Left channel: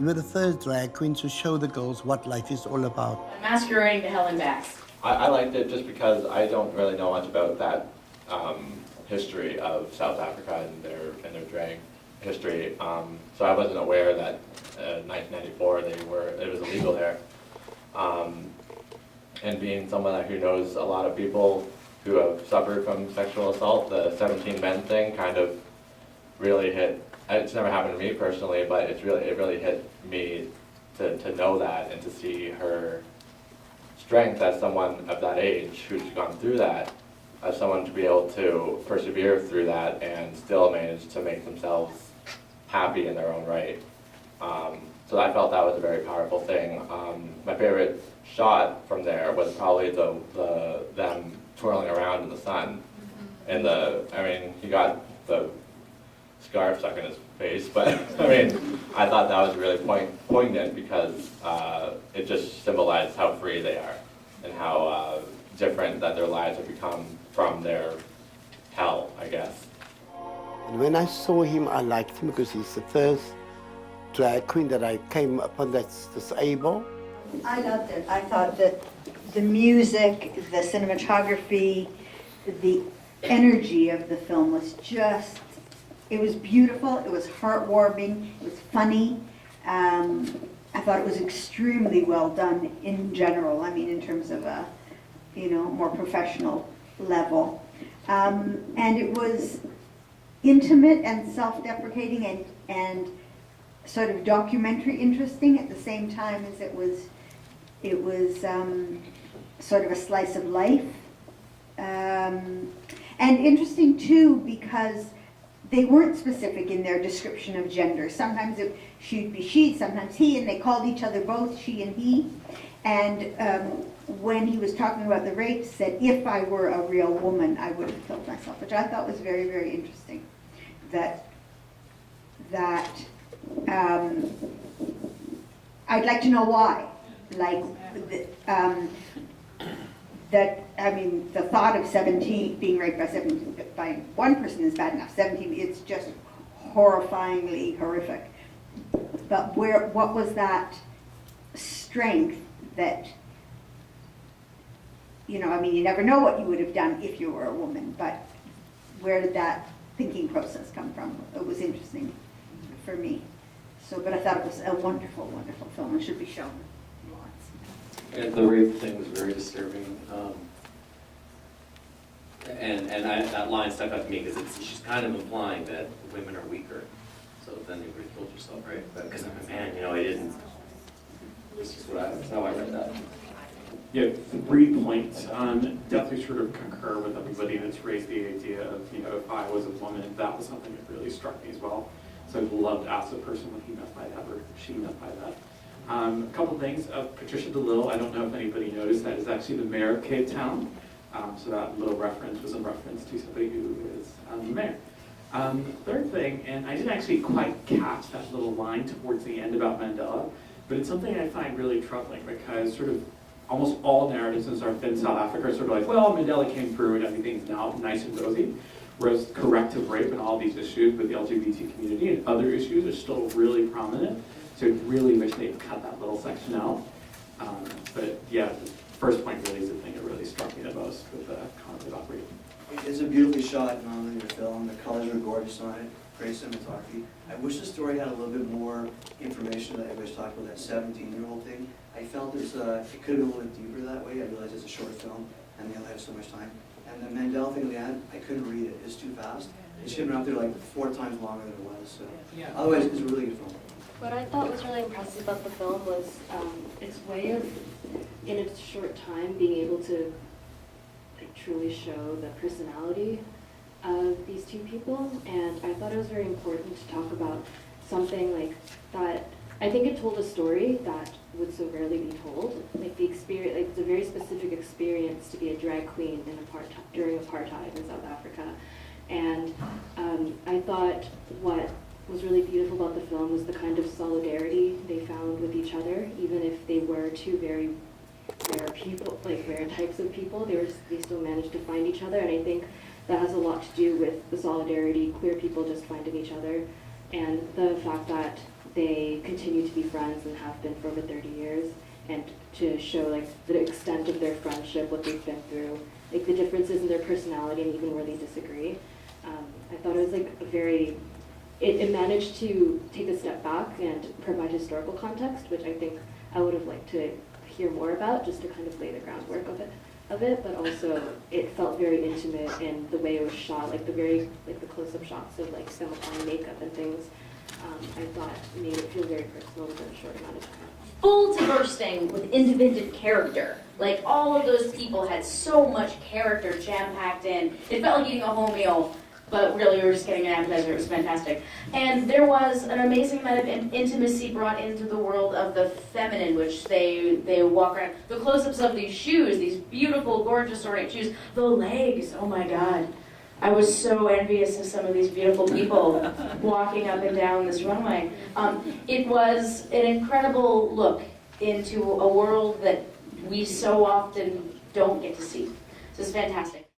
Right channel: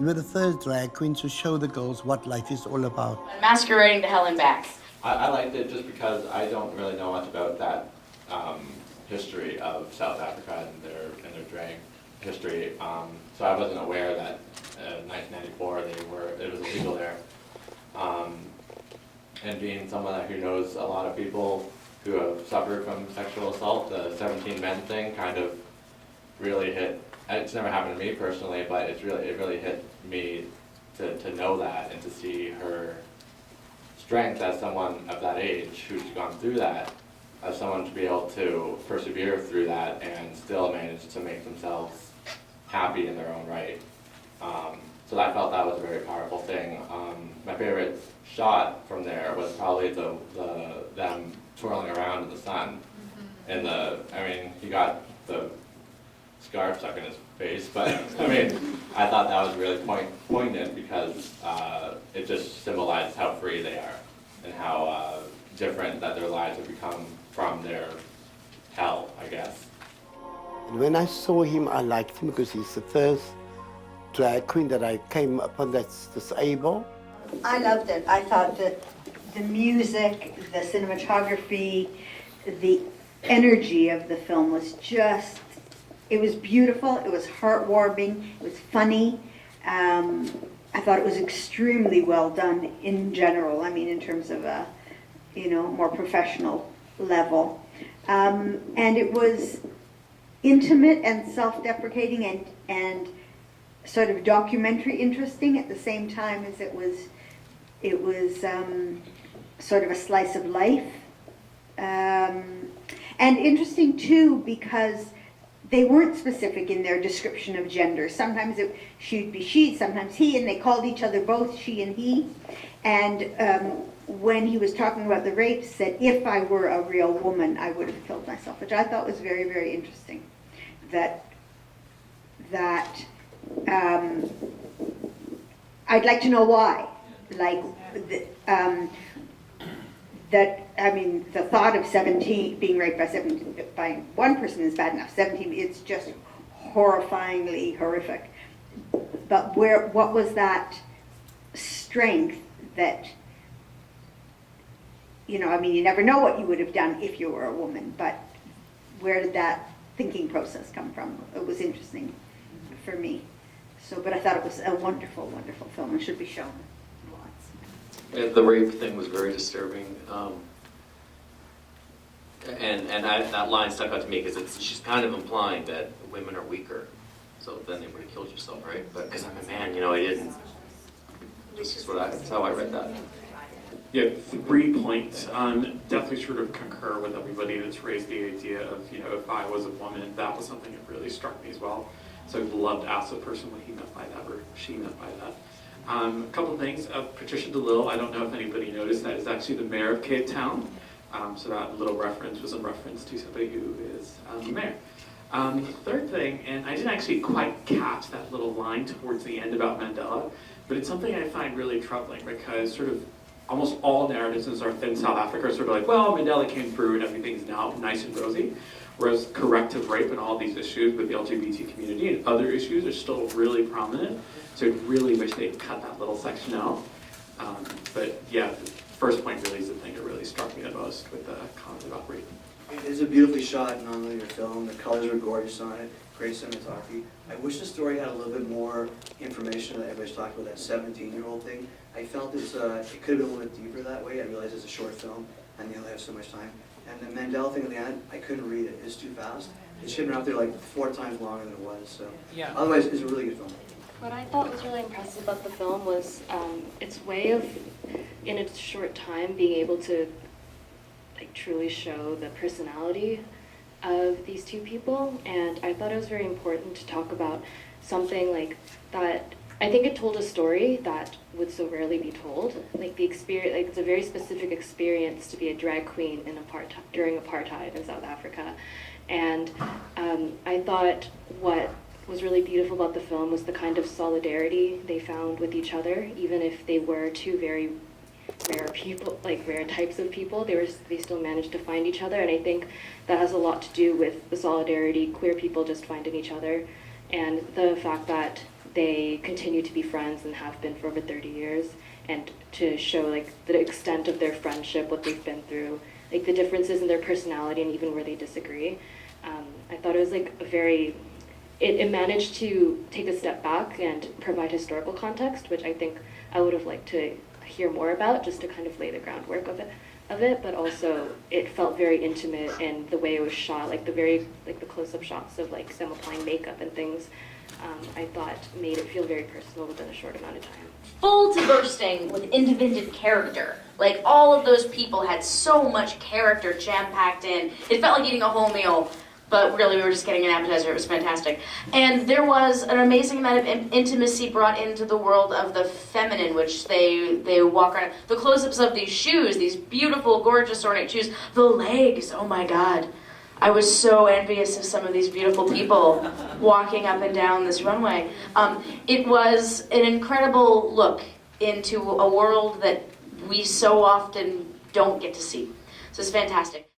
You were the first drag queen to show the girls what life is all about. Masquerading to Hell and Back. I liked it just because I don't really know much about that history of South Africa and their drag history. So I wasn't aware that in 1994 it was illegal there. And being someone who knows a lot of people who have suffered from sexual assault, the 17 men thing kind of really hit. It's never happened to me personally, but it really hit me to know that and to see her strength as someone of that age who's gone through that, as someone to be able to persevere through that and still manage to make themselves happy in their own right. So I felt that was a very powerful thing. My favorite shot from there was probably them twirling around in the sun. And he got the scarf stuck in his face, but I mean, I thought that was really poignant because it just symbolized how free they are and how different that their lives have become from their hell, I guess. And when I saw him, I liked him because he's the first drag queen that I came upon that's disabled. I loved it. I thought that the music, the cinematography, the energy of the film was just, it was beautiful, it was heartwarming, it was funny. I thought it was extremely well done in general, I mean in terms of a, more professional level. And it was intimate and self-deprecating and sort of documentary interesting at the same time as it was sort of a slice of life. And interesting too because they weren't specific in their description of gender. Sometimes she'd be she, sometimes he, and they called each other both she and he. And when he was talking about the rape, said, if I were a real woman, I would have killed myself, which I thought was very, very interesting. I'd like to know why. The thought of 17, being raped by one person is bad enough. 17, it's just horrifyingly horrific. But what was that strength that, you never know what you would have done if you were a woman, but where did that thinking process come from? It was interesting for me. But I thought it was a wonderful, wonderful film and should be shown lots. The rape thing was very disturbing. That line stuck out to me because she's kind of implying that women are weaker. So then you would have killed yourself, right? But because I'm a man, I didn't. That's how I read that. Yeah, 3 points. Definitely sort of concur with everybody that's raised the idea of, if I was a woman, that was something that really struck me as well. So I'd love to ask the person what he meant by that or she meant by that. A couple things. Patricia DeLille, I don't know if anybody noticed, that is actually the mayor of Cape Town. So that little reference was a reference to somebody who is the mayor. Third thing, and I didn't actually quite catch that little line towards the end about Mandela, but it's something I find really troubling because sort of almost all narratives in South Africa are sort of like, well, Mandela came through and everything's now nice and rosy. Whereas corrective rape and all these issues with the LGBT community and other issues are still really prominent. So I really wish they'd cut that little section out. But yeah, the first point really is the thing that really struck me the most with the comment about rape. It's a beautifully shot, non-linear film. The colors are gorgeous on it. Great cinematography. I wish the story had a little bit more information that everybody's talking about, that 17-year-old thing. I felt it could have been a little bit deeper that way. I realize it's a short film and they only have so much time. And the Mandela thing at the end, I couldn't read it. It's too fast. It should have been out there like 4 times longer than it was. So, yeah. Otherwise, it's a really good film. What I thought was really impressive about the film was its way of, in a short time, being able to truly show the personality of these two people. And I thought it was very important to talk about something like that. I think it told a story that would so rarely be told. The experience, it's a very specific experience to be a drag queen during apartheid in South Africa. And I thought what was really beautiful about the film was the kind of solidarity they found with each other, even if they were two very rare people, rare types of people. They still managed to find each other, and I think that has a lot to do with the solidarity queer people just finding each other, and the fact that they continue to be friends and have been for over 30 years, and to show like the extent of their friendship, what they've been through, like the differences in their personality and even where they disagree. I thought it was like a very, it managed to take a step back and provide historical context, which I think I would have liked to hear more about, just to kind of lay the groundwork of it, but also it felt very intimate in the way it was shot, like the close-up shots of like them applying makeup and things. I thought made it feel very personal within a short amount of time. Full to bursting with independent character. Like, all of those people had so much character jam-packed in. It felt like eating a whole meal, but really we were just getting an appetizer. It was fantastic. And there was an amazing amount of intimacy brought into the world of the feminine, which they walk around. The close-ups of these shoes, these beautiful, gorgeous, ornate shoes. The legs, oh my God. I was so envious of some of these beautiful people walking up and down this runway. It was an incredible look into a world that we so often don't get to see. So it's fantastic.